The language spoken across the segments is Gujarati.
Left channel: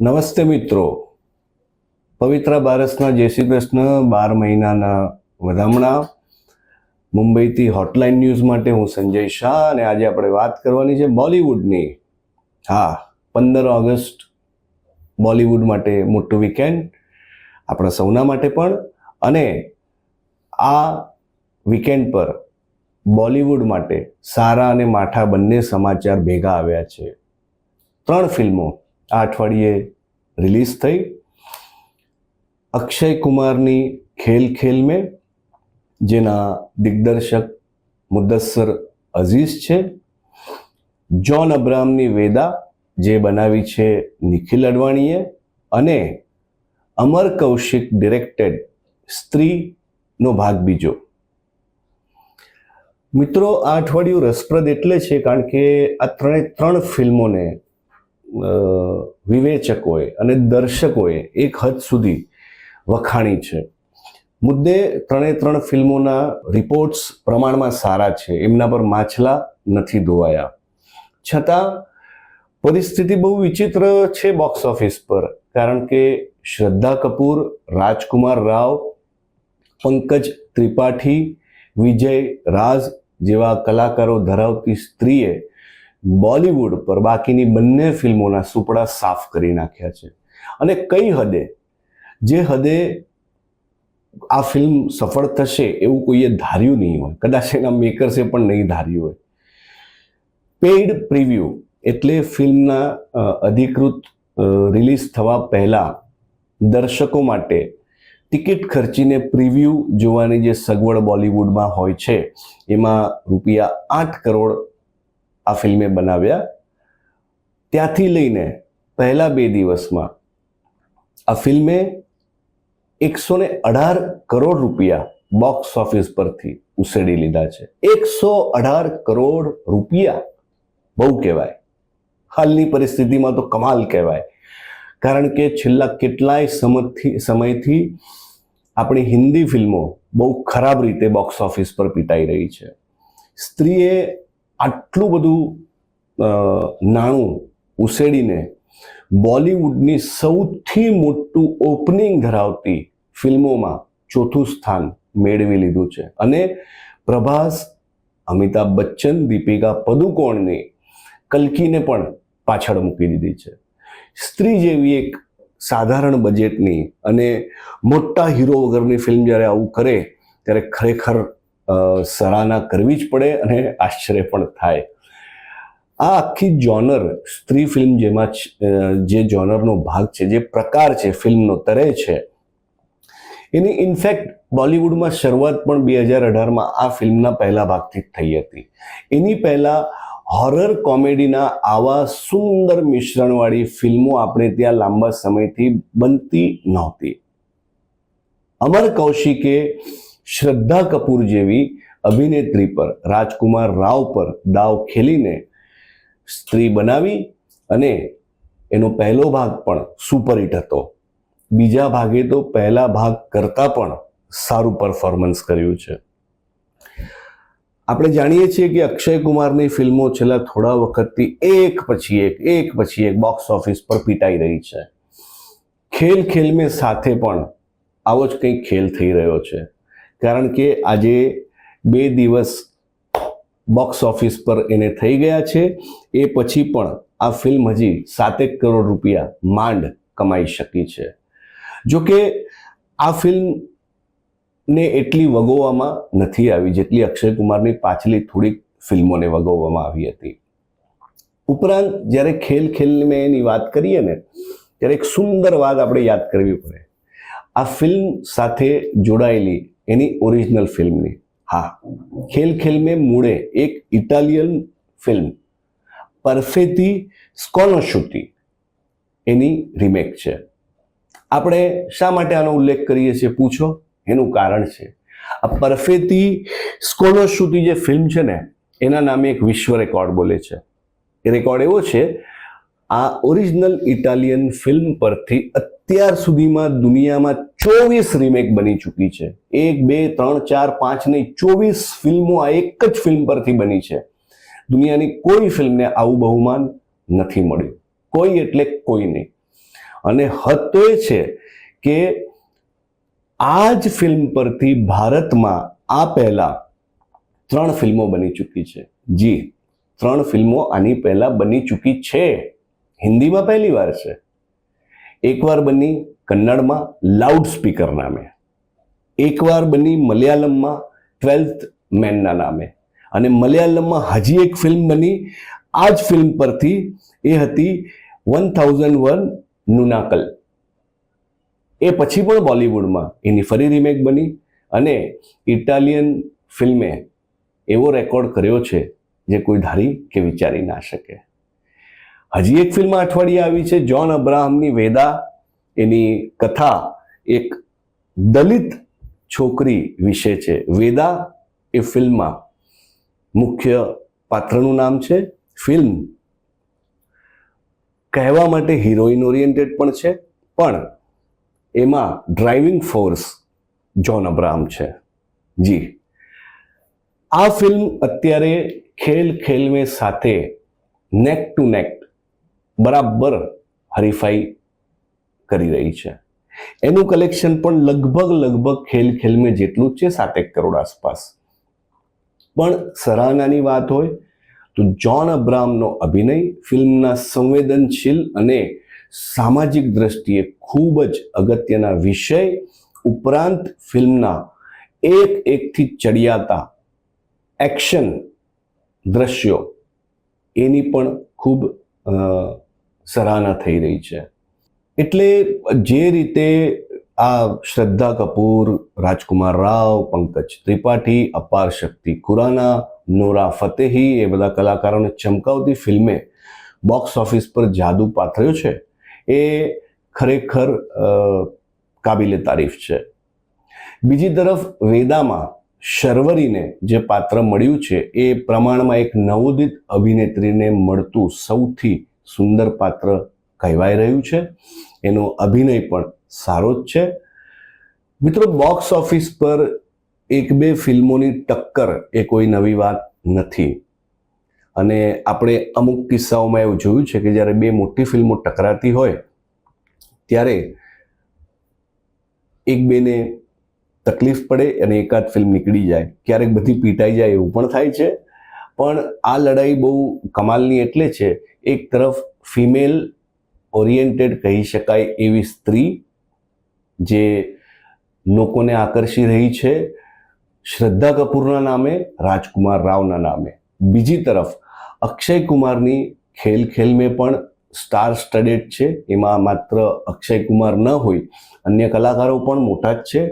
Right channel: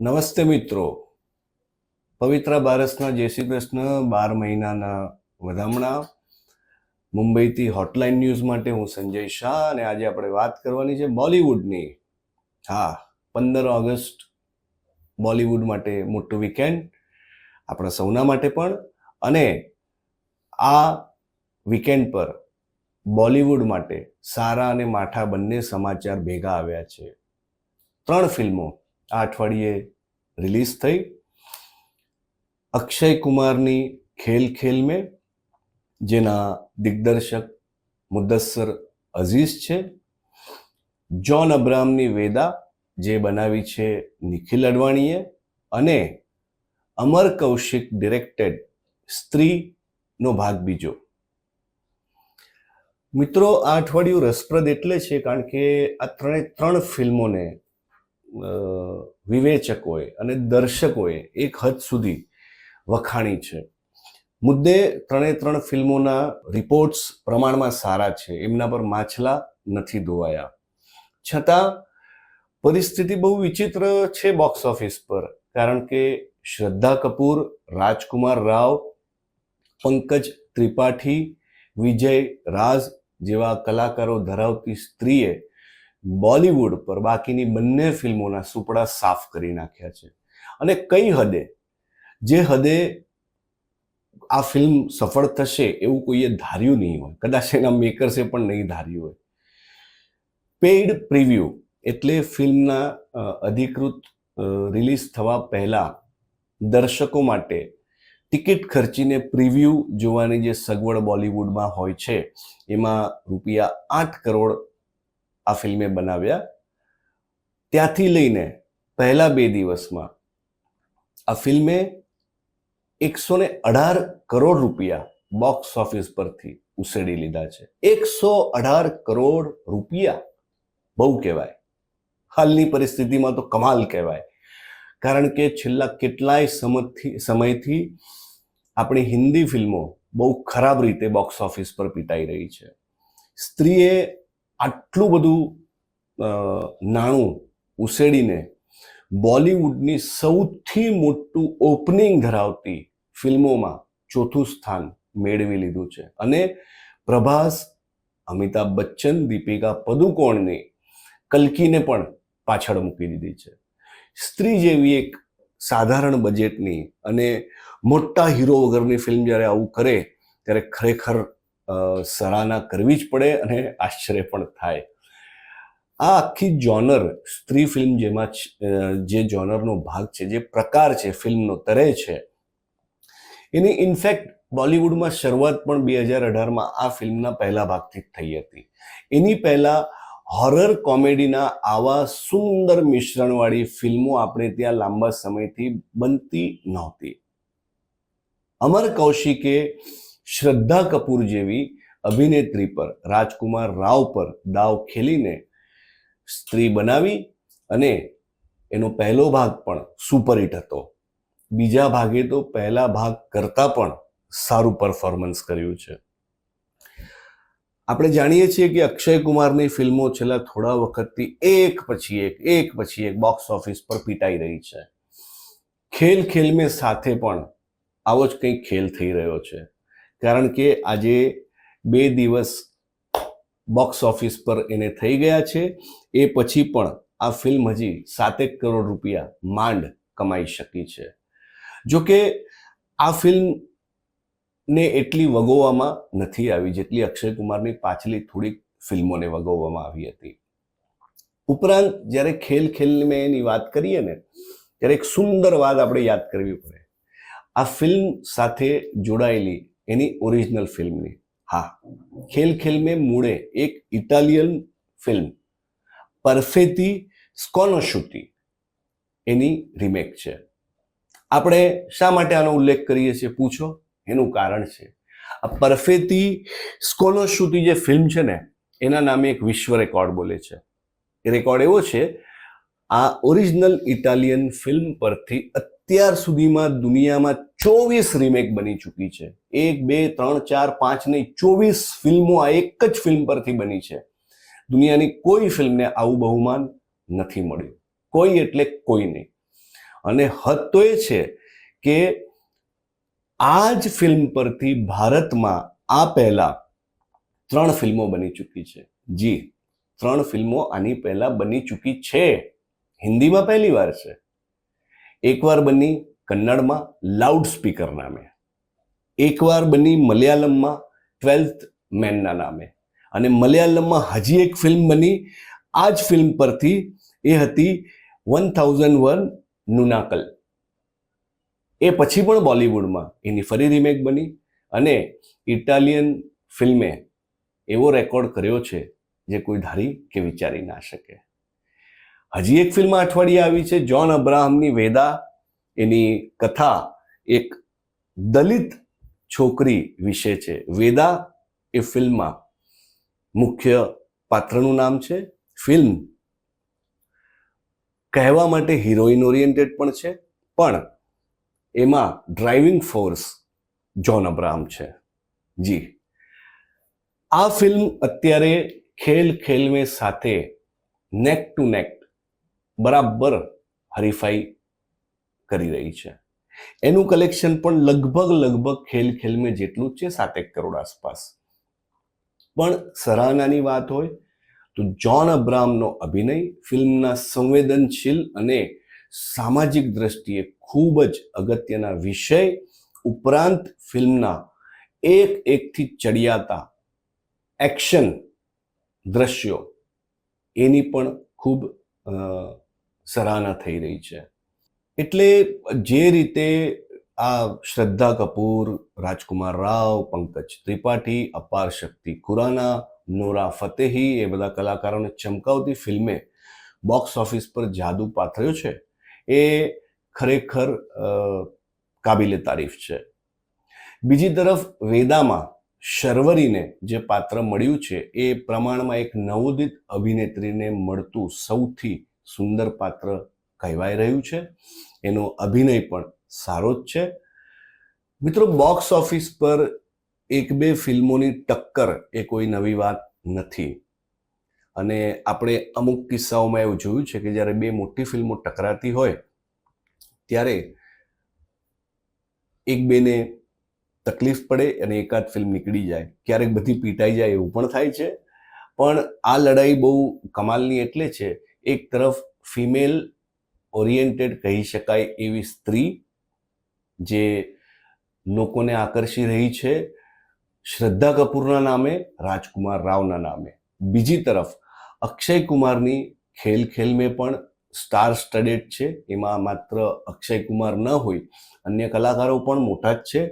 નમસ્તે મિત્રો. પવિત્ર બારસના જય શ્રી કૃષ્ણ. બાર મહિનાના વધામણા. મુંબઈથી હોટલાઇન ન્યૂઝ માટે હું સંજય શાહ અને આજે આપણે વાત કરવાની છે બોલિવૂડની. હા, પંદર ઓગસ્ટ બોલિવૂડ માટે મોટું વીકેન્ડ આપણા સૌના માટે પણ. અને આ વીકેન્ડ પર બોલિવૂડ માટે સારા અને માઠા બંને સમાચાર ભેગા આવ્યા છે. ત્રણ ફિલ્મો. આ અઠવાડિયે રિલીઝ થઈ. અક્ષય કુમારની ખેલ ખેલ મેં, જેના દિગ્દર્શક મુદ્દસ્સર અઝીઝ છે. જોન અબ્રામની વેદા, જે બનાવી છે નિખિલ અડવાણીએ અને અમર કૌશિક ડિરેક્ટેડ સ્ત્રીનો ભાગ બીજો. મિત્રો, આ અઠવાડિયું રસપ્રદ એટલે છે કારણ કે આ ત્રણે ત્રણ ફિલ્મોને વિવેચકોએ અને દર્શકોએ એક હદ સુધી વખાણી છે. મુદ્દે ત્રણે ત્રણ ફિલ્મોના રિપોર્ટ્સ પ્રમાણમાં સારા છે. એમના પર માછલા નથી ધોવાયા. છતાં, પરિસ્થિતિ બહુ વિચિત્ર છે બોક્સ ઓફિસ પર, કારણ કે શ્રદ્ધા કપૂર, રાજકુમાર રાવ, પંકજ ત્રિપાઠી, વિજય રાજ જેવા કલાકારો ધરાવતી સ્ત્રીએ બોલિવૂડ પર બાકીની બંને ફિલ્મોના સુપડા સાફ કરી નાખ્યા છે. અને કઈ હદે, જે હદે આ ફિલ્મ સફળ થશે એવું કોઈએ ધાર્યું નહીં હોય, કદાચ એના મેકર્સે પણ નહીં ધાર્યું હોય. પેઇડ પ્રિવ્યુ એટલે ફિલ્મના અધિકૃત રિલીઝ થવા પહેલાં દર્શકો માટે ટિકિટ ખર્ચીને પ્રિવ્યૂ જોવાની જે સગવડ બોલિવૂડમાં હોય છે, એમાં રૂપિયા આઠ કરોડ આ ફિલ્મે બનાવ્યા. ત્યાંથી લઈને પહેલા બે દિવસમાં આ ફિલ્મે એકસો ને અઢાર કરોડ રૂપિયા બોક્સ ઓફિસ પરથી ઉસેડી લીધા છે. એકસો અઢાર કરોડ રૂપિયા બહુ કહેવાય. હાલની પરિસ્થિતિમાં તો કમાલ કહેવાય. કારણ કે છેલ્લા કેટલાય સમયથી સમયથી આપણી હિન્દી ફિલ્મો બહુ ખરાબ રીતે બોક્સ ઓફિસ પર પીટાઈ રહી છે. સ્ત્રીએ આટલું બધું નાણું ઉસેડીને બોલિવૂડની સૌથી મોટું ઓપનિંગ ધરાવતી ફિલ્મોમાં ચોથું સ્થાન મેળવી લીધું છે. અને પ્રભાસ, અમિતાભ બચ્ચન, દીપિકા પદુકોણની કલ્કીને પણ પાછળ મૂકી દીધી છે. સ્ત્રી જેવી એક સાધારણ બજેટની અને મોટા હીરો વગરની ફિલ્મ જ્યારે આવું કરે, ત્યારે ખરેખર સરાહના કરવી જ પડે અને આશ્ચર્ય પણ થાય. આ આખી જોનર સ્ત્રી ફિલ્મ જેમાં જે જોનરનો ભાગ છે, જે પ્રકાર છે ફિલ્મનો તરે છે. એની ઇનફેક્ટ બોલિવૂડમાં શરૂઆત પણ બે હજાર અઢારમાં આ ફિલ્મના પહેલા ભાગથી જ થઈ હતી. એની પહેલા હોરર કોમેડીના આવા સુંદર મિશ્રણવાળી ફિલ્મો આપણે ત્યાં લાંબા સમયથી બનતી નહોતી. અમર કૌશિકે શ્રદ્ધા કપૂર જેવી અભિનેત્રી પર, રાજકુમાર રાવ પર દાવ ખેલીને સ્ત્રી બનાવી અને એનો પહેલો ભાગ પણ સુપરહિટ હતો. બીજા ભાગે તો પહેલા ભાગ કરતાં પણ સારું પરફોર્મન્સ કર્યું છે. આપણે જાણીએ છીએ કે અક્ષય કુમારની ફિલ્મો છેલ્લા થોડા વખતથી એક પછી એક એક પછી એક બોક્સ ઓફિસ પર પીટાઈ રહી છે. ખેલ ખેલ મેં સાથે પણ આવો જ કંઈક ખેલ થઈ રહ્યો છે. કારણ કે આજે બે દિવસ બોક્સ ઓફિસ પર એને થઈ ગયા છે. એ પછી પણ આ ફિલ્મ હજી સાતેક કરોડ રૂપિયા માંડ કમાઈ શકી છે. જોકે આ ફિલ્મ ને એટલી વગોવામાં નથી આવી જેટલી અક્ષય કુમારની પાછલી થોડીક ફિલ્મોને વગોવવામાં આવી હતી. ઉપરાંત જ્યારે ખેલ ખેલની મેં એની વાત કરીએ ને, ત્યારે એક સુંદર વાત આપણે યાદ કરવી પડે. આ ફિલ્મ સાથે જોડાયેલી એની ઓરિજિનલ ફિલ્મની હા, ખેલ ખેલ મેં મૂળે એક ઇટાલિયન ફિલ્મ પરફેતી સ્કોનોશુટી એની રિમેક છે. આપણે શા માટે આનો ઉલ્લેખ કરીએ છીએ, પૂછો? એનું કારણ છે. આ પરફેતી સ્કોનોશુટી જે ફિલ્મ છે ને, એના નામે એક વિશ્વ રેકોર્ડ બોલે છે. એ રેકોર્ડ એવો છે, આ ઓરિજિનલ ઇટાલિયન ફિલ્મ પરથી અત્યાર સુધીમાં દુનિયામાં ચોવીસ રીમેક બની ચૂકી છે. એક, બે, ત્રણ, ચાર, પાંચ નહીં, ચોવીસ ફિલ્મો આ એક જ ફિલ્મ પરથી બની છે. દુનિયાની કોઈ ફિલ્મને આવું બહુમાન નથી મળ્યું. કોઈ એટલે કોઈ નહીં. અને હદ તો એ છે કે આ જ ફિલ્મ પરથી ભારતમાં આ પહેલા ત્રણ ફિલ્મો બની ચૂકી છે. જી, ત્રણ ફિલ્મો આની પહેલા બની ચૂકી છે. હિન્દીમાં પહેલી વાર છે. એકવાર બની કન્નડમાં લાઉડ સ્પીકર નામે. એકવાર બની મલયાલમમાં ટ્વેલ્થ મેનના નામે. અને મલયાલમમાં હજી એક ફિલ્મ બની, આ જ ફિલ્મ પરથી એ હતી વન થાઉઝન્ડ વન નુનાકલ. એ પછી પણ બોલિવૂડમાં એની ફરી રિમેક બની અને ઇટાલિયન ફિલ્મે એવો રેકોર્ડ કર્યો છે જે કોઈ ધારી કે વિચારી ના શકે. હજી એક ફિલ્મ અઠવાડિયે આવી છે, જ્હોન અબ્રાહમની વેદા. એની કથા એક દલિત છોકરી વિશે છે. વેદા એ ફિલ્મમાં મુખ્ય પાત્રનું નામ છે. ફિલ્મ કહેવા માટે હિરોઈન ઓરિએન્ટેડ પણ છે, પણ એમાં ડ્રાઇવિંગ ફોર્સ જ્હોન અબ્રાહમ છે. જી. આ ફિલ્મ અત્યારે ખેલ ખેલમે સાથે નેક ટુ નેક બરાબર હરીફાઈ કરી રહી છે. એનું કલેક્શન પણ લગભગ લગભગ ખેલ ખેલમે જેટલું જ છે, સાતેક કરોડ આસપાસ. પણ સરાહનાની વાત હોય તો જ્હોન અબ્રાહમનો અભિનય ફિલ્મના સંવેદનશીલ અને સામાજિક દ્રષ્ટિએ ખૂબ જ અગત્યના વિષય ઉપરાંત ફિલ્મના એક એકથી ચડિયાતા એક્શન દ્રશ્યો એની પણ ખૂબ સરાહના થઈ રહી છે. એટલે જે રીતે આ Shraddha Kapoor, Rajkummar Rao, Pankaj Tripathi, Aparshakti Khurana, Nora Fatehi એ બધા કલાકારોને ચમકાવતી ફિલ્મે બોક્સ ઓફિસ પર જાદુ પાથર્યો છે એ ખરેખર કાબિલે તારીફ છે. બીજી તરફ વેદામાં શર્વરીને જે પાત્ર મળ્યું છે એ પ્રમાણમાં એક નવોદિત અભિનેત્રીને મળતું સૌથી સુંદર પાત્ર કહેવાઈ રહ્યું છે. એનો અભિનય પણ સારો જ છે. મિત્રો બોક્સ ઓફિસ પર એક બે ફિલ્મોની ટક્કર એ કોઈ નવી વાત નથી. અને આપણે અમુક કિસ્સાઓમાં એવું જોયું છે કે જ્યારે બે મોટી ફિલ્મો ટકરાતી હોય, ત્યારે એક બેને તકલીફ પડે અને એકાદ ફિલ્મ નીકળી જાય. ક્યારેક બધી પીટાઈ જાય એવું પણ થાય છે. પણ આ લડાઈ બહુ કમાલની એટલે છે એક તરફ ફિમેલ ઓરિએન્ટેડ કહી શકાય એવી સ્ત્રી જે લોકોને આકર્ષી રહી છે. શ્રદ્ધા કપૂરના નામે, રાજકુમાર રાવના નામે. બીજી તરફ અક્ષય કુમારની ખેલ ખેલમે પણ સ્ટાર સ્ટડેડ છે. એમાં માત્ર અક્ષય કુમાર ન હોય, અન્ય કલાકારો પણ મોટા જ છે.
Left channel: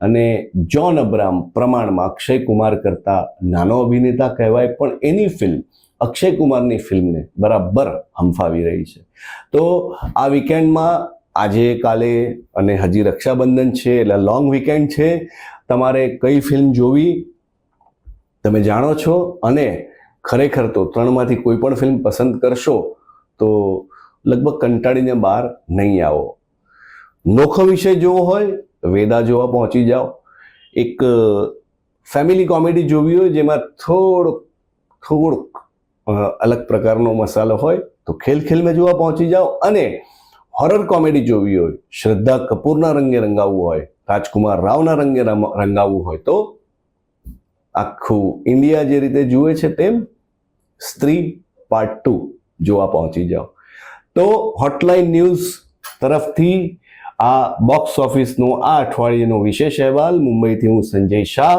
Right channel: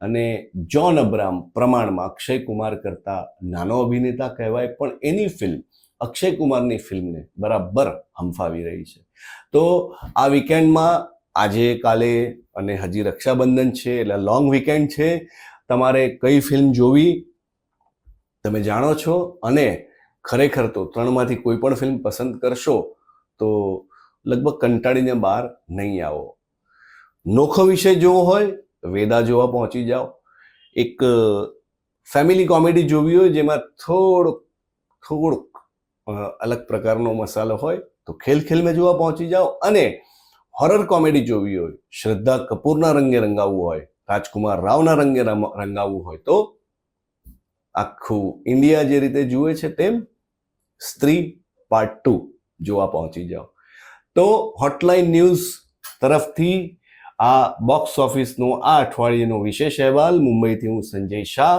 અને જ્હોન અબ્રામ પ્રમાણમાં અક્ષય કુમાર કરતા નાનો અભિનેતા કહેવાય, પણ એની ફિલ્મ અક્ષય કુમારની ફિલ્મને બરાબર હંફાવી રહી છે. તો આ વીકેન્ડમાં આજે કાલે અને હજી રક્ષાબંધન છે, એટલે લોંગ વીકેન્ડ છે. તમારે કઈ ફિલ્મ જોવી તમે જાણો છો? અને ખરેખર તો ત્રણમાંથી કોઈ પણ ફિલ્મ પસંદ કરશો તો લગભગ કંટાળીને બહાર નહીં આવો. નોખો વિષય જોવો હોય, વેદા જોવા પહોંચી જાઓ. એક ફેમિલી કોમેડી જોવી હોય જેમાં થોડુંક થોડુંક અલગ પ્રકારનો મસાલો હોય તો ખેલ ખેલમે જોવા પહોંચી જાઓ અને હોરર કોમેડી જોવી હોય, શ્રદ્ધા કપૂરના રંગે રંગાવવું હોય, રાજકુમાર રાવના રંગે રંગાવવું હોય તો આખું ઇન્ડિયા જે રીતે જુએ છે તેમ સ્ત્રી પાર્ટ ટુ જોવા પહોંચી જાઓ. તો હોટલાઇન ન્યૂઝ તરફથી આ બોક્સ ઓફિસનો આ અઠવાડિયેનો વિશેષ અહેવાલ મુંબઈથી હું સંજય શાહ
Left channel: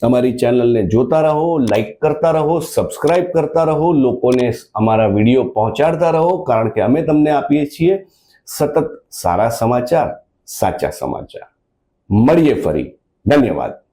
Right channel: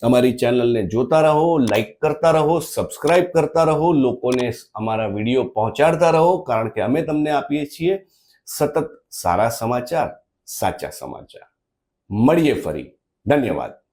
તમારી ચેનલને જોતા રહો લાઈક કરતા રહો સબસ્ક્રાઇબ કરતા રહો, લોકોને અમારા વીડિયો પહોંચાડતા રહો, કારણ કે અમે તમને આપીએ છીએ સતત સારા સમાચાર, સાચા સમાચાર. મળીએ ફરી. ધન્યવાદ.